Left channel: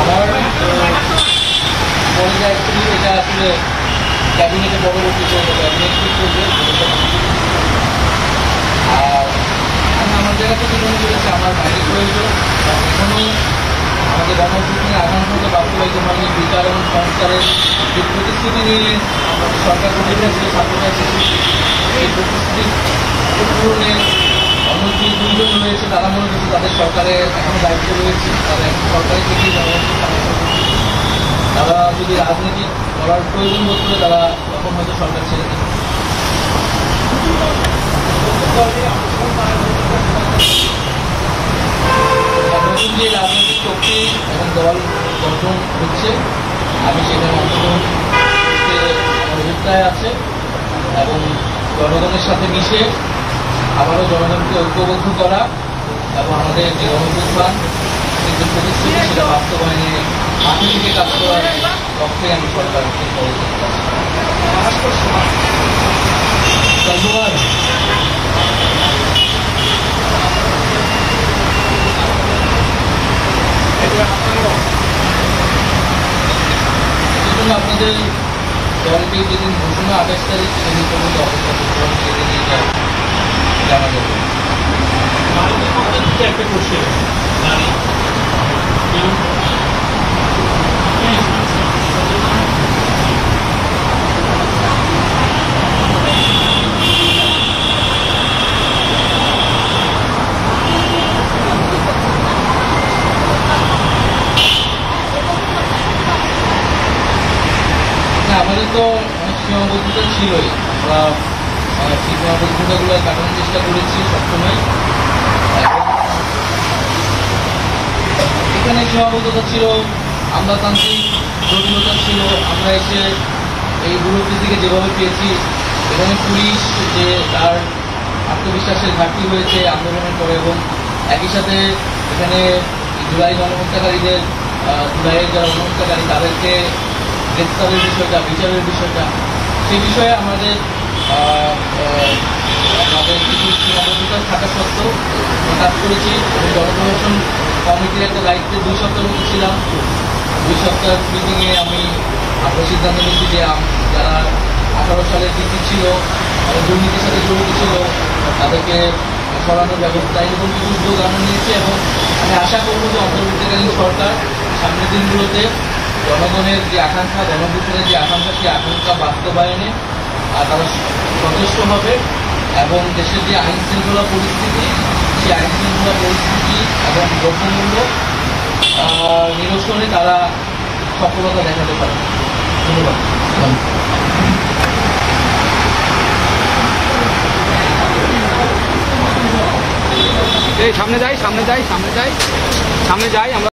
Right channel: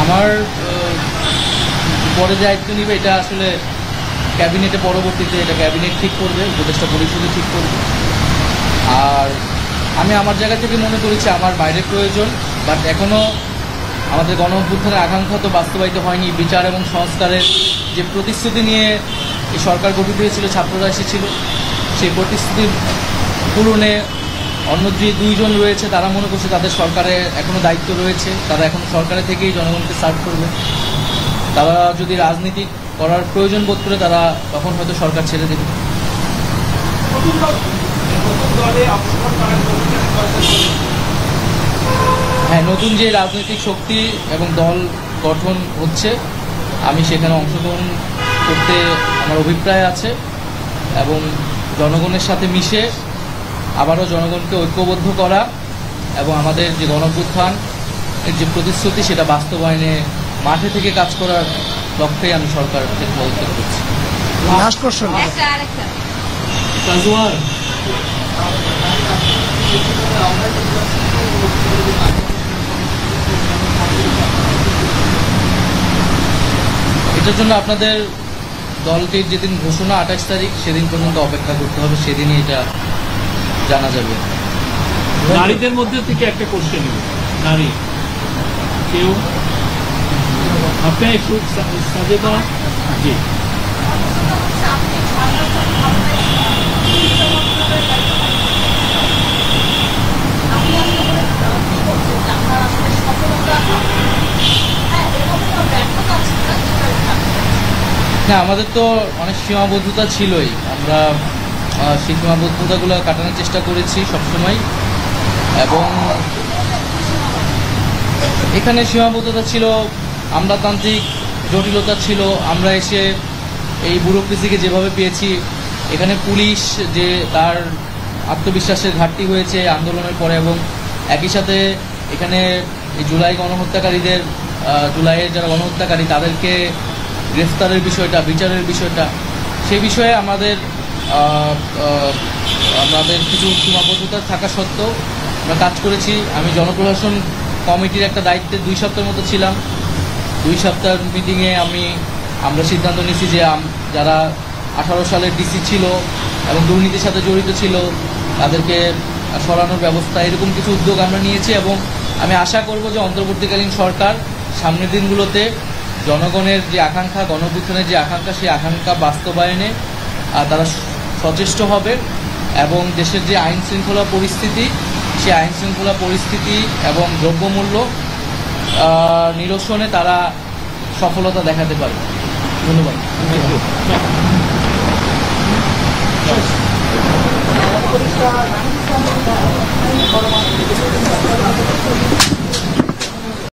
আমার মনে যায় এটা আসলে ক্যাবিনেটে পরবর্তী যে এটা ক্যাবিনেট ঠিক করবে, উপদেষ্টা পরিষদে ঠিক করবে। আর আমি আমার জায়গা থেকে মনে করেছি আমার বাইরে প্রয়োজন, কারণ এখনও আমাদের গণঅভ্যুত্থানের আকাঙ্ক্ষা তো বাস্তবায়িত হয়নি। বিচার এবং সংস্কারের যে প্রতিশ্রুতি নিয়ে সরকার গঠিত হয়েছিল, ছাত্ররা এসেছিল, সেই প্রতিশ্রুতি পূরণে অন্য যে দুইজন রয়েছে তারা মনে করছে তাদের সরকারে এখনো দায়িত্ব রয়েছে, তারা এখন সরকারের থেকেই জনগণকে সার্ভ করবে। তারা যদি রাজনীতি করার প্রয়োজন বোধ করে তারা তখন হয়তো সরকার ছেড়ে দেবে। হ্যাঁ, নতুন যে রাজনৈতিক শক্তি এবং দল গঠন হচ্ছে, আমি সেখানে অংশগ্রহণ করতে আমার অভিপ্রায় আছে এবং জনগণের সাথে মিশে আবারও জনগণকে ঐক্যবদ্ধ করা এবং আমাদের যে গণঅভ্যুত্থান যে প্রতিশ্রুতি সেটা বাস্তবায়নে মাঠে থেকে কাজ করার লক্ষ্যে আমি সরকারকে পদক্ষেপ করছি। এটার জন্য আপনাদের দলকে যেদিন ঘোষণা 28 তারিখ সেদিন পর্যন্ত অপেক্ষা করতে হবে, সেদিনই এটা জানা যাবে। নারীদের মধ্যে থেকে একটা কোশ্চেন, নারী কেউ আপনি একটু জি হ্যাঁ, আমাদের তো অনেক সীমাবদ্ধতা ছিলই, আমরা সেই সীমাবদ্ধতাগুলো কাটানোর চেষ্টা করেছি সবসময়। এবং এখানে সীমাবদ্ধতা ছিল, আমলাতান্ত্রিক জটিলতা ছিল। আমরা এসে এই ব্যুরোক্রেসিকে যেভাবে পেয়েছি, এখানে পুলিশ যে তার আত্মবিশ্বাসের ঘাটতি হয়েছে আন্দোলনের পরে, এবং একই সাথে এখানে জুলাই গণহত্যাকারীদের, জুলাইয়ের যারা গণহত্যাকারী তাদেরকে গ্রেফতারের বিষয়টা, বিচারের বিষয়টা, সেই বিষয়ে আমাদের কিছু সীমাবদ্ধতা থাকা সত্ত্বেও আমরা কাজ করেছি। আমি জনপ্রশাসন কমিটির একটা দায়িত্বে 2 সপ্তাহের মতো ছিলাম। 2 সপ্তাহ মিটিংয়ে আমরা সিদ্ধান্ত নিয়েছি যে যারা 18 সালের ডিসি ছিল এবং দুর্নীতির সাথে জড়িত ছিল তাদেরকে সরানোর ব্যবস্থা, এরকম কিছু উদ্যোগ আমরা নিয়েছি। এবং আমি আশা করব যে অন্তর্বর্তীকালীন সরকার সামনের দিনগুলোতে জনগণের যে আকাঙ্ক্ষা, গণঅভ্যুত্থানের যে আকাঙ্ক্ষা, সেই আকাঙ্ক্ষা বাস্তবায়নে তারা সচেষ্ট হবে এবং দেশের যে আইন শৃঙ্খলা পরিস্থিতি, সেই আইন শৃঙ্খলা পরিস্থিতি এবং দ্রব্যমূল্য নিরসনে তারা সফলতা দেখাতে পারবে। ধন্যবাদ। সামনে যাই আমরা